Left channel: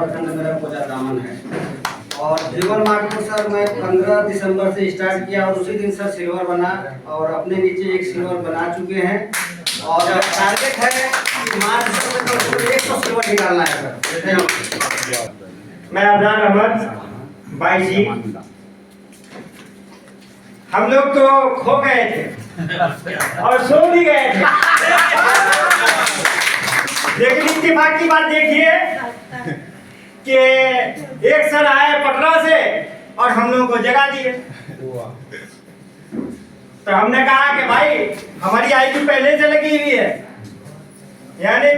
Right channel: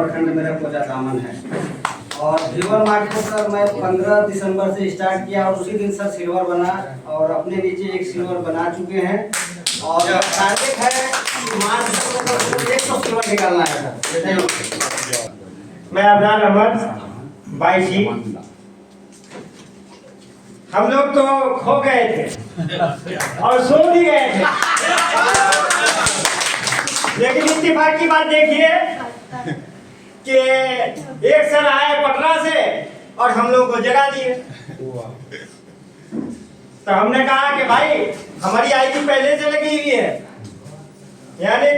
प्रखंड मेरा कोचा दामन है और जीवन मार्ट को सर मैं 15 दिसंबर से स्टार्ट किया और उसी दिन सर सिल्वर बना और अपने नीचे एक सिल्वर बना चुके हैं और टारगेट है कि मार्च तक 100 सिल्वर निकालना है सर। मैं अब्रार अहमद भाई जी, हम लोग तो खो गए थे और सो भी गए थे, लेकिन इत्तेफाक की बात देखिए कि एक सर आए पटना से और हम लोगों को जगा दिए। तो हमने कहा कि भाई हमारी आईडी पहले से लगी हुई है, यानी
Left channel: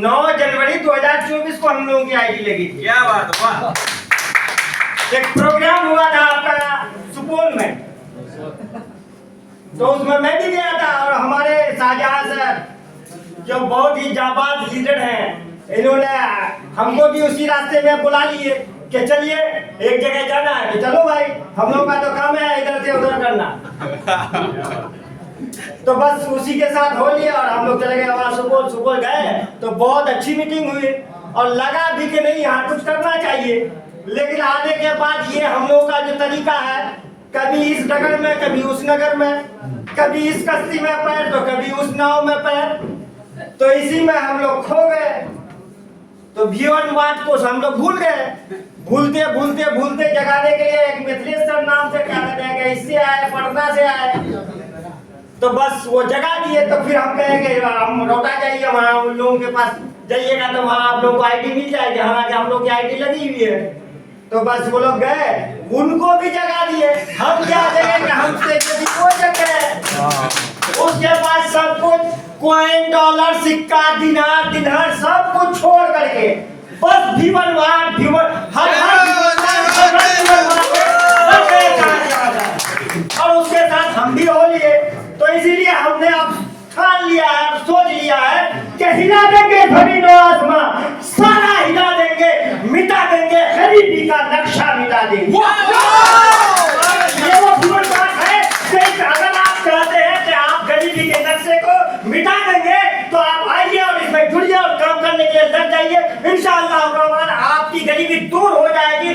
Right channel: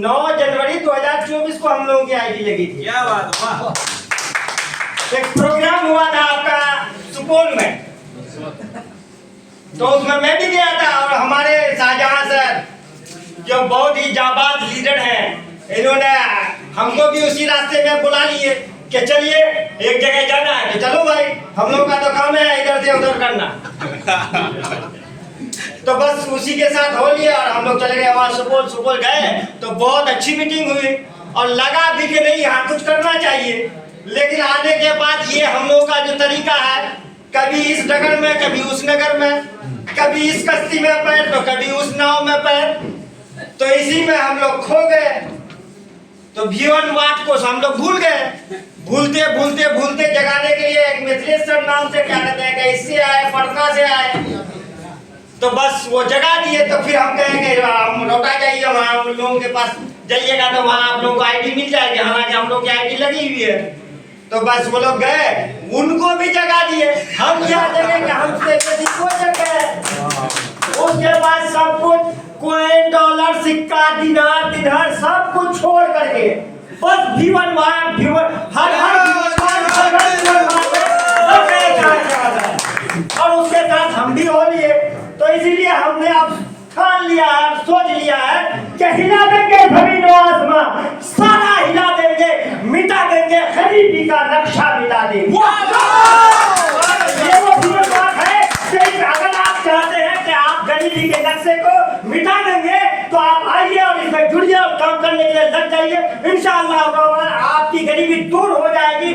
9 जनवरी 2024 को हम लोगों की आईडी लगी थी। क्या बात, वाह। एक प्रोग्राम हुआ था आपका सुपौल में, तो उसमें मैं भी गया था और हमारे शाहजहां सर जो बहुत ही जाबाज लीडर हैं, इन्होंने हमको भी उसी रास्ते में बुला लिए कि चलिए एक जगह जाना है। तो चलो भाई, हम लोग का तो काम है इधर से उधर करना। तो बस उसी के साथ हो लिया और हम लोग चले गए वहाँ सुपौल गए तो बहुत अच्छी मीटिंग हुई और लगा भी कि नहीं यहाँ कुछ करना चाहिए। लेकिन आने के बाद ये हम लोग का जो तरीका है, कभी इस नगर में कभी उस नगर में, कभी इस कश्ती में पैर तो कभी उस नाव में पैर, तो इसी में हम लोग खो गए। तो जीवन मार्ट को हम लोग भूल गए, भूलते जगाने के लिए एक मिथिलेश्वर नाम से क्या कहते हैं कि इससे आए, पटना से आए, तो बस वो जगा दिए। तो फिर हम कहेंगे हम लौटा जाइए वहाँ उन लोगों के पास जाइएगा तो वहाँ आप लोगों को आईडी मिल जाएगी, हालांकि हम लोग की आईडी लगी हुई है। तो बस वो लोग गए, उनको भी जगा दिए। हम क्या करेंगे, हमसे किसी को जग गए। उसके बाद सब कुछ कॉइन, डॉलर, सिक्का, दिनार सब कुछ छोड़ करके बस जीवन मार्ट और उसके साथ हम भी हो लिए। तो इसीलिए हमने अब ठान लिया है और सोच लिया है कि हिला देंगे जमीन और आसमां, सारा हिला देंगे, मिटा देंगे, गरीबी का नक्शा मिटा देंगे। ये वो जीवन बात है कि अगर आप चाहते हैं कि आप गरीबी के नक्शे को मिटा देंगे तो आप आइए और इसमें जुड़िए और काम करने के लिए लग जाइए। इंशाअल्लाह आपकी गरीबी दूर हो जाएगी,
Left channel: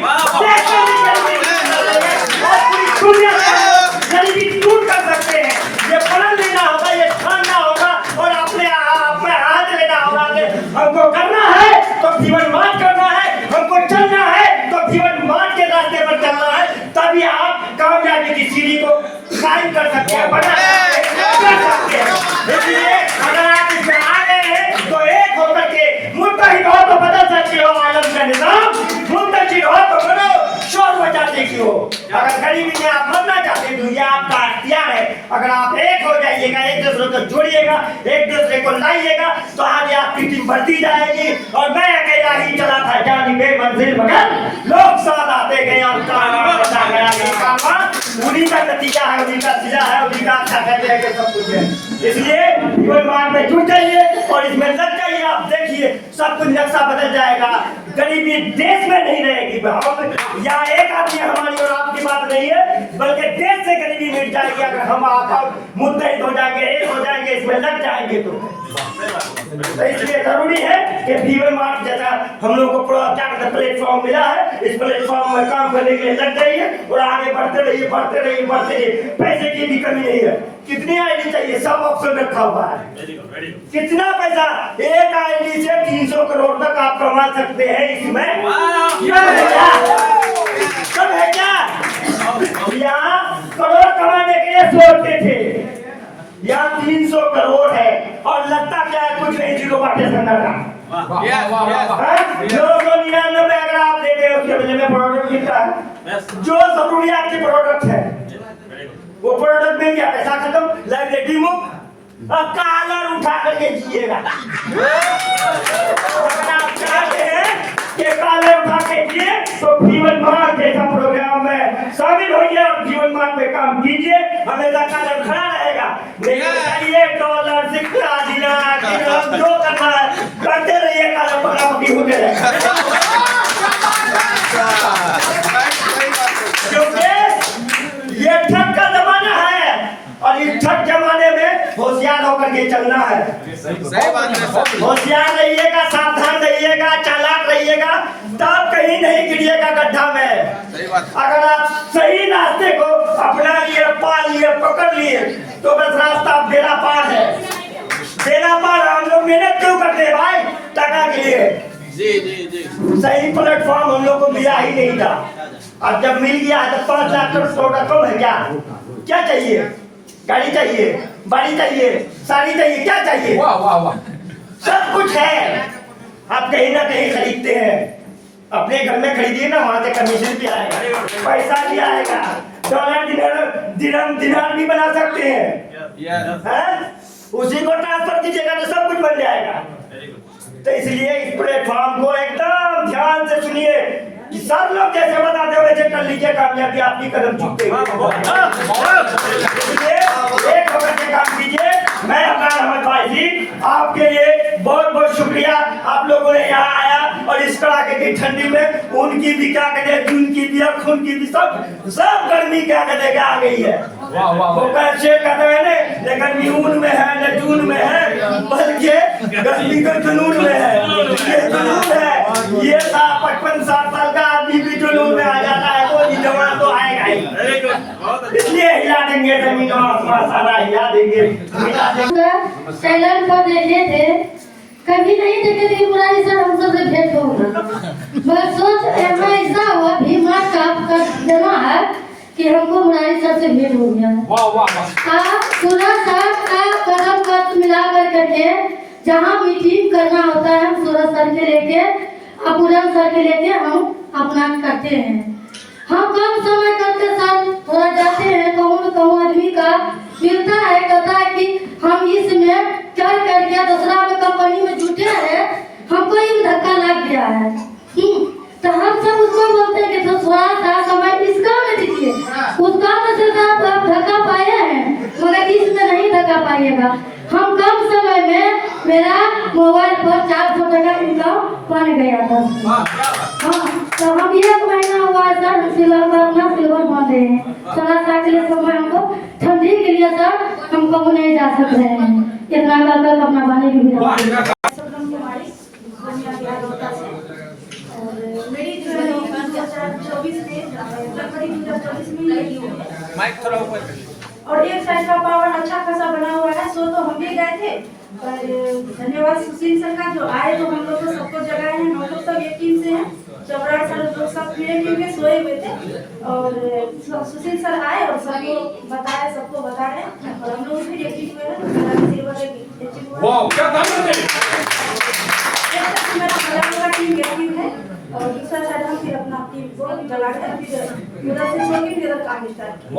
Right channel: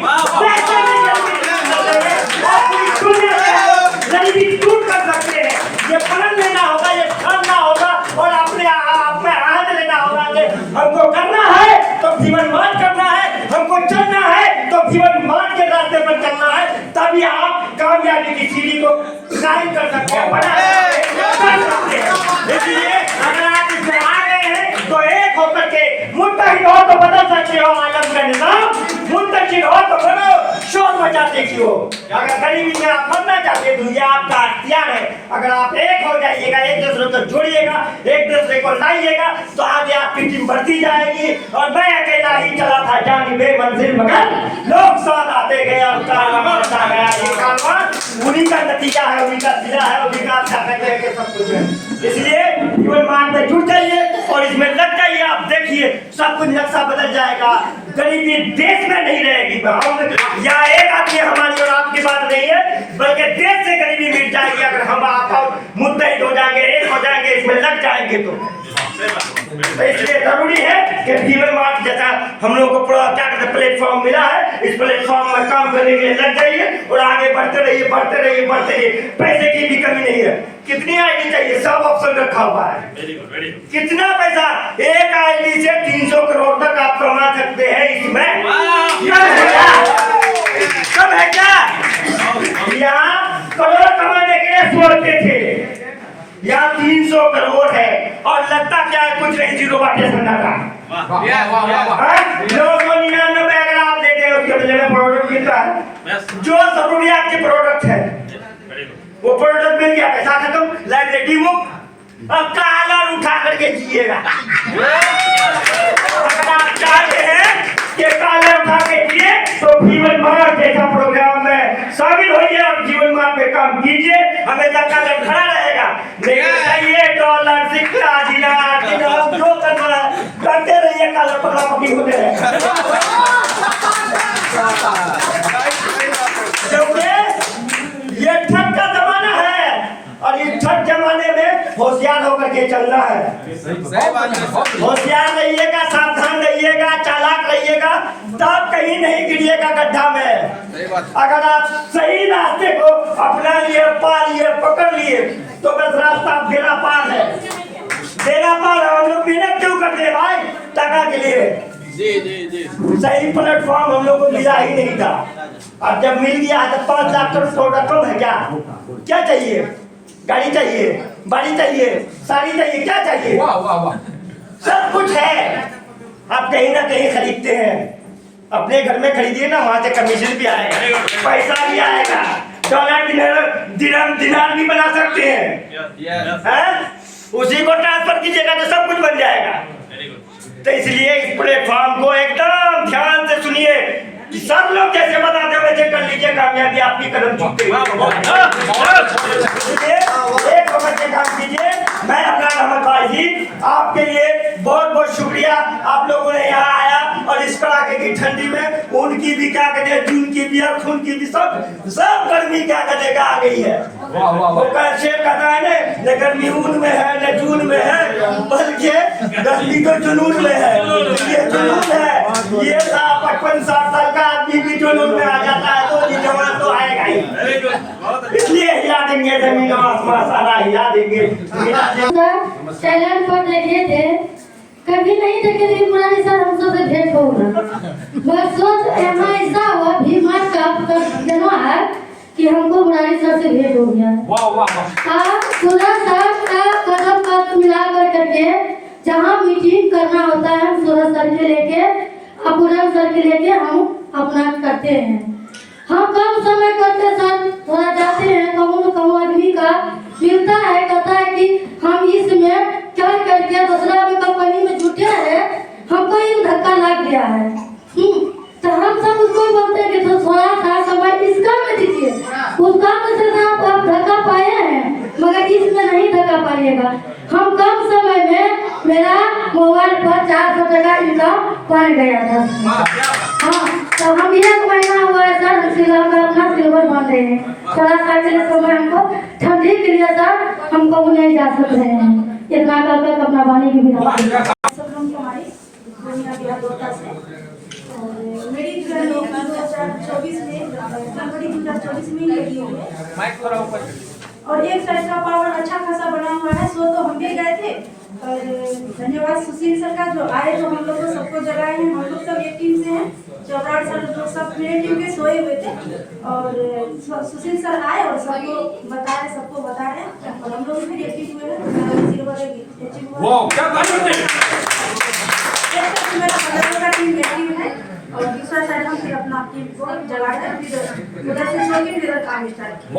गरीबी दूर कर सकते हैं। ये प्रण लेना होगा, ये ठानना होगा और अपने आप में हाथ लेना होगा कि हमको करना है तो जीवन मार्ट करना है, हमको चलना है तो जीवन मार्ट के रास्ते पर चलना है, तभी आप कामयाबी की सीढ़ी को क्लाइम कर सकते हैं, बना सकते हैं। इसलिए अगर आप इसमें आ गए हैं तो एक होकर के मुत्तहिद हो तो बदल सकते हो आलम का निजाम, मुंतशिर हो तो बनो, शोर मचाते क्यों हो। अगर गरीबी में आप मरना चाहते तो ये आपका अख्तियार है। अगर आप एक हो जाइएगा, एक दूसरे को जोड़िएगा, एक दूसरे को लाइएगा तो आगे आपकी टीम बढ़ती जाएगी। और मैं अकेला ही चला था जानिबे मंजिल, मगर लोग साथ आते गए और कारवां बढ़ता गया। ये कारवां उन्हीं का नतीजा है, उन्हीं का सिला है, उन्हीं का अच्छा कहते हैं कि सब कुछ है। इसलिए जीवन मार्ट में जुट जाइए और इसमें लग जाइए। आप देखिए सब कुछ नक्शा बदल जाएगा। गरीबी देश में नहीं रहेगी। हम या एक आदमी हमारी और आपकी बात नहीं है, बल्कि देश से गरीबी मिट जाएगी अगर हम आप मुत्तहिद हो जाएंगे, एक हो जाएंगे, इसमें लग जाएंगे। तो इसलिए जरूरी है कि जीवन मार्ट जैसा हम लोग को क्या कहते हैं प्लेटफॉर्म मिला है, इस प्लेटफॉर्म में काम करने के लिए लग जाइए और आगे बढ़ते रहिए। पैसे की भी कमी नहीं है। कितनी आईडी चाहिए, सब ऑप्शन रखा हुआ है। कितना पैसा, एक आईडी से 300 करोड़ तक आप कमा सकते हैं इसमें। कम है क्या? यहाँ करोड़ कमाने के लिए सोचते थे, यहाँ 300 करोड़ है और लगता क्या है, कुछ नहीं, जीरो बाटे संगा था। 999 अगर आप लेते हो उसके बदले में प्रोडक्ट मिलता है, जो जरूरियात के प्रोडक्ट है वो प्रोडक्ट मिल गया, पैसा खत्म, लाइबिलिटी मुक्त। अब कॉलर उठा करके जिएगा। अगर आप चाहते हैं कि कॉलर उठा के जिए तो जीवन मार्ट जैसा प्रोग्राम में शामिल होइए और जीवन मार्ट में काम कीजिए। हमेशा कॉलर खड़ा रहेगा, लेकिन ये डॉलर, सिक्का, दिनार जो करना है करते रहिए, कॉलर पकड़ा-पकड़ी होते रहे। क्योंकि ये ठग का जमाना है और इस ठग जमाने में होशियार होकर के चलना है। होशियार रहिएगा, सावधान रहिएगा, चालाक रहिएगा। करिएगा तो आप कहीं नहीं गिरिएगा गड्ढा में। अगर आप सही रास्ते को अपना लिए, पा लिए, पकड़ लिए तो बस रास्ता बेड़ा पार है। बेड़ा पार हम लोग मेहनत क्यों करते हैं भाई? टका के लिए। सही प्लेटफॉर्म हम लोग को मिला ही नहीं था। अब जब मिल गया है तो 5 लाख रकम है क्या? क्या चाहिए? गाड़ी चाहिए, बाड़ी चाहिए, साड़ी चाहिए, क्या चाहिए? वाह वाह वाह, सब कुछ है। आप कहीं ना कहीं खरीदते हैं, अपने घर में खरीदिए ना, वहां से कमीशन भी आएगा, पैसा भी आएगा, डॉलर दिनार भी बना सकते हैं। उसी को ट्रांसफर कीजिएगा तो सब कुछ बन जाएगा। तो इसलिए इस प्लेटफॉर्म को एकदम ध्यान से सुनिए। सब लोग जैसे बताते हो वैसे कर लीजिए, कामयाबी आपकी कदम चूकते इसलिए एक वक्त के काम कीजिए। मैं अब्दुल अहमद भाई जी आपके लिए बहुत बहुत शुक्रिया। आप लोगों ने यहाँ आया और इस कड़ाके की ठंडी में उनकी भी क्या कहते, जून की भी और खून की भी सब गर्मी क्या कहते आ गई है। वो कैसे कहता है ना, गर्मी ऊन में है न जून में है, बल्कि गर्मी तो जुनून में है। ये जुनून है, ये 55-60 साल का आदमी भी जुनून में आ जाता है तो ये जवान तो आएगा ही। इसलिए हिला देंगे जमीन और आसमान, सारा हिला देंगे। चैनल पर देखे थे, कभी नहीं देखे थे मुरारी सर हम सबसे भेंट होगा। मैं सोच ऐसा हुआ भीमा का जमा है कि हमको मुरारी सर से भेंट हो गया। वाह वाह वाह, सूरज सर का कदम मिला करके जहाँ मीटिंग करना होता है हम सूरज सर के लेके, अपूरम सर के लेके हम अपना करते हैं। हम कम समय करते सर थोड़ा जाते हैं, कहूँ आदमी का मिलता है, कहता है कि हम इसमें क्या करके दूसरा में कंपनी में जुटे हैं, हमको एक धक्का लग गया है। तो हम सब उसको बोलते हैं कि तो थोड़ा सा समय इसका में दीजिए, उसका में से आप धक्का पाए हैं मगर इसमें नहीं धक्का पाइएगा। हम कम समय में मेरा मोबाइल पर 400 टका इनकम बन गया था। हाँ, तो हम 1 महीना हुआ है सर, सिल्वर मान रहे हैं। थोड़ा सा के लिए समय हमको ठंडी के लिए सर हमको नहीं जा सकते हैं, इतना कर अपना पानी की भी। और मेरी जो है 2024 में जनवरी 2024 में लगी हुई है और एक साइड का पावर अच्छा खासा बना हुआ है। सो तो हम भी गए थे और धन्यवाद सुशील सर का जो आए, जो हम लोग को सबको जगाए हैं। हम लोग सब एक टीम से हैं, चौबराड़ सर लोग सब मेरे टीम के सोए हुए थे और सुशील सर आए और सबको बताए, सबको बताए और हम लोग फिर एक्टिव हुए हैं। मेरा बगल का टीम एक्टिव है और दूसरा साइड हम फिर अपना टीम को जगा कर फिर उधर से छोड़ के फिर काम स्टार्ट किया।